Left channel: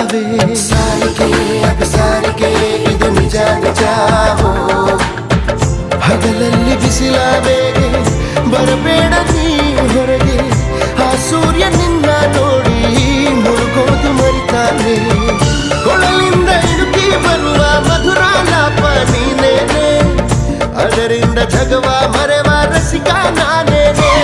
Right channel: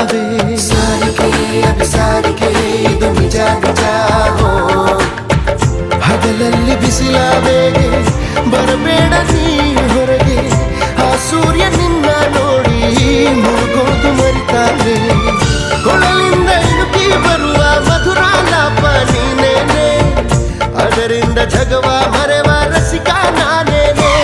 ಬಿಸಿಲಾವೆ ಹಗಲಲ್ಲಿ ಬಿಸಿಲಾವೆಗೆ ಬರಬೇಡ ನೀ ಹೊರಗೆ ಆ ಸೂರ್ಯ ನಿನ್ನ ನೋಡಿ ಮುಳುಗೋದು ಮರಿತಾನೆ ಕೊಳಲಿಂದ ಇಣುಕಿ ಬರುವ ಮಧುರ ಲಾಪ ನೀನೇನೆ ಅದರಿಂದ ಜಗವ ಮರೆವ ರಸಿಕ ನಾನೇನೆ